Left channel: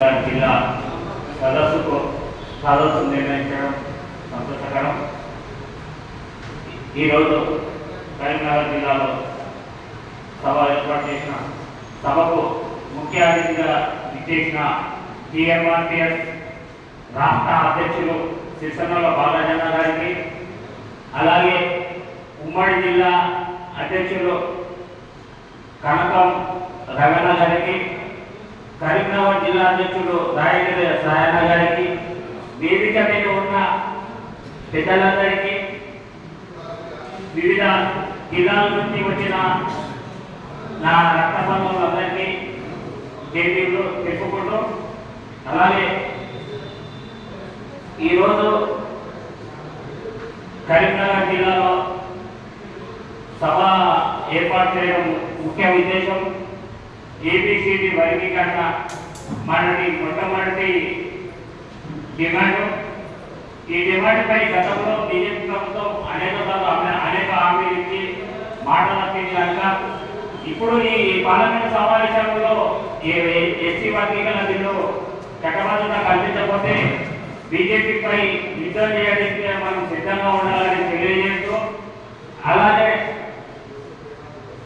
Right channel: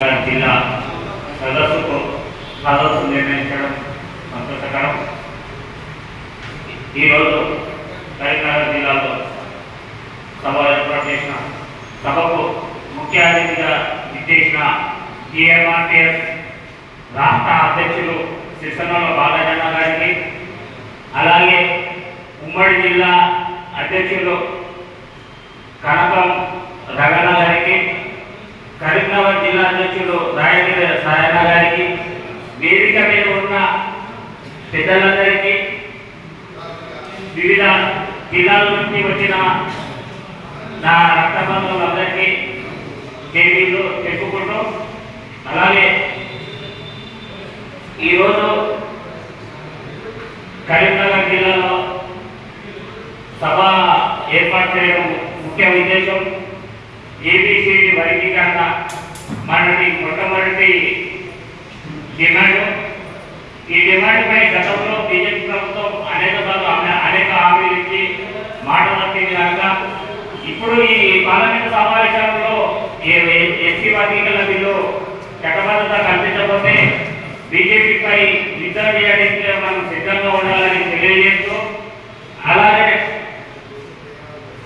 జిల్లా సదస్సు నిర్ణయించడం సంతోషకరం. ఈరోజు కరీంనగర్ జిల్లాలో సభ ఏర్పాటు చేసిన సభకు ముఖ్య అతిథిగా విచ్చేసిన టీఎంఆర్టీఎస్ రాష్ట్ర అధ్యక్షులు సిరిసిల్ల బాలజన్న గారికి, అలాగే ఉమ్మడి జిల్లా అధ్యక్షులు కనకం రగన్న గారికి, కరీంనగర్ జిల్లా అధ్యక్షులు రాయగిరి సాయన గారికి, వేదిక మీద ఉన్న పెద్దలందరికీ, వివిధ జిల్లాల నుంచి వచ్చిన నా రక్తబంధువులందరికీ చేతులు చెప్పుకుంటూ, అలాగే ఈరోజు కరీంనగర్ జిల్లాలో సభ ఏర్పాటు చేయడం ముఖ్య ఉద్దేశం ఏబిసిడి వర్గీకరణ మనది మొట్టమొదటి డిమాండ్. ఈ డిమాండ్పై గతంలో బీజేపీ ప్రభుత్వం అనేక హామీలు ఇచ్చి మాట తప్పింది కనుక ఇప్పుడు ఈ పార్లమెంట్ సమావేశంలో ఎస్సీ వర్గీకరణ బిల్లు చట్టబద్ధత కల్పించకపోతే బీజేపీపై యుద్ధం చేయడానికి మనం సిద్ధంగా ఉండాలని తెలియజేస్తూ, అలాగే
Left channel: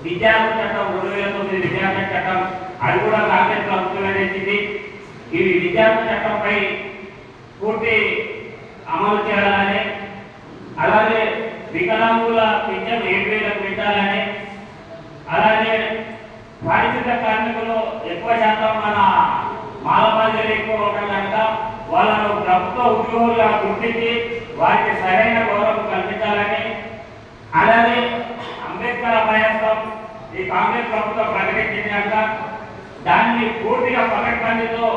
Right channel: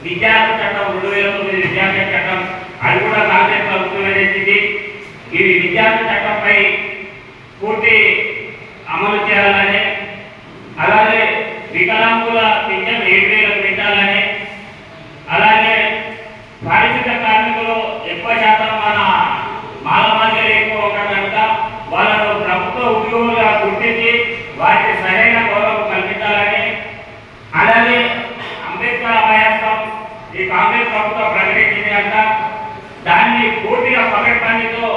విద్యార్థి చట్టం 2009 విద్యార్థి చట్టం అది కూడా కాంగ్రెస్ ప్రభుత్వం తెచ్చింది. ఈ విద్యార్థి చట్టంపై పూర్తి అమలు చేయాలని, అలాగే వికలాంగుల పింఛన్ 7,000 పెంచాలని, అలాగే పారిశుద్ధ కార్మికులు ఎక్కువ శాతం మన మాలమాదిరి ఎక్కువ ఉంటారు కనుక వాళ్ళను ప్రభుత్వ ఉద్యోగులుగా గుర్తించి వారికి సరైన గౌరవం కల్పించాలని, అలాగే అంబేద్కర్ అభయాస్తం ఈ కాంగ్రెస్ ప్రభుత్వం ప్రకటించింది కనుక దాన్ని పూర్తిగా పకడ్బందీతో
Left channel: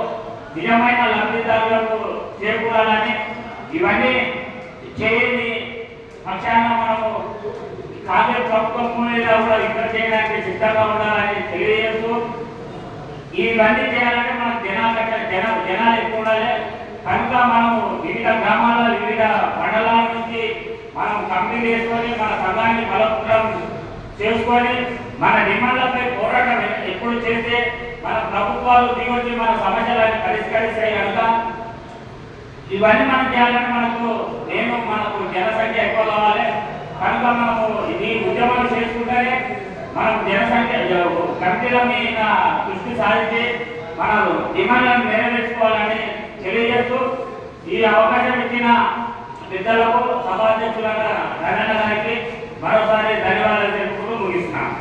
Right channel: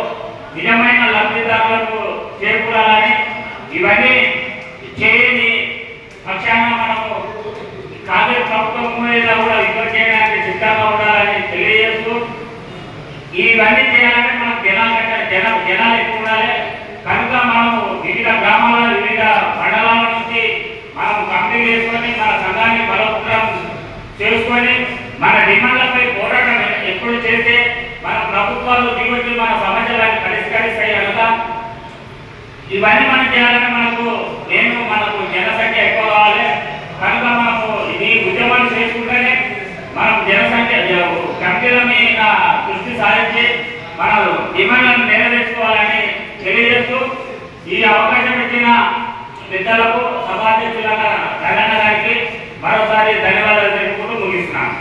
నిజమైన లబ్ధిదారులకు చేకూరాలని, ఇవన్నీ చేయని పక్షాన మనము కాంగ్రెస్ ప్రభుత్వం మీద కూడా యుద్ధం చేయడానికి సిద్ధంగా ఉండాలని తెలియజేస్తూ, ఇవన్నీ చేయాలంటే మనకు జనాలు ఎక్కువ ఉండాలి కనుక మనము వివిధ గ్రామాల వివిధ మండలాల నుంచి మనం కమిటీ చేసుకొని మన సంఘాన్ని బలోపేతం చేసుకొని మన డిమాండ్లపై పోరాటం ఎప్పుడు చేస్తే మన ప్రభుత్వాలు దిగొచ్చి మన సమస్యలను పరిష్కరిస్తాయి కనుక ఇవన్నీ మనం చేయాలంటే మనకు జనసంఖ్య ఎక్కువ కావాలి కనుక మనము ఇది ఉద్యమాన్ని చేసుకుంటేనే మనం జనసంఖ్య కమిటీల మీద దృష్టి సారించి మన డిమాండ్లను నెరవేర్చుకోవాలని తెలియజేస్తూ, ఈ అవకాశం ఇచ్చిన పెద్దలకు సభాధ్యక్షుల రగన్న గారికి మరోసారి ధన్యవాదాలు తెలుపుకుంటూ ముగిస్తున్నాను.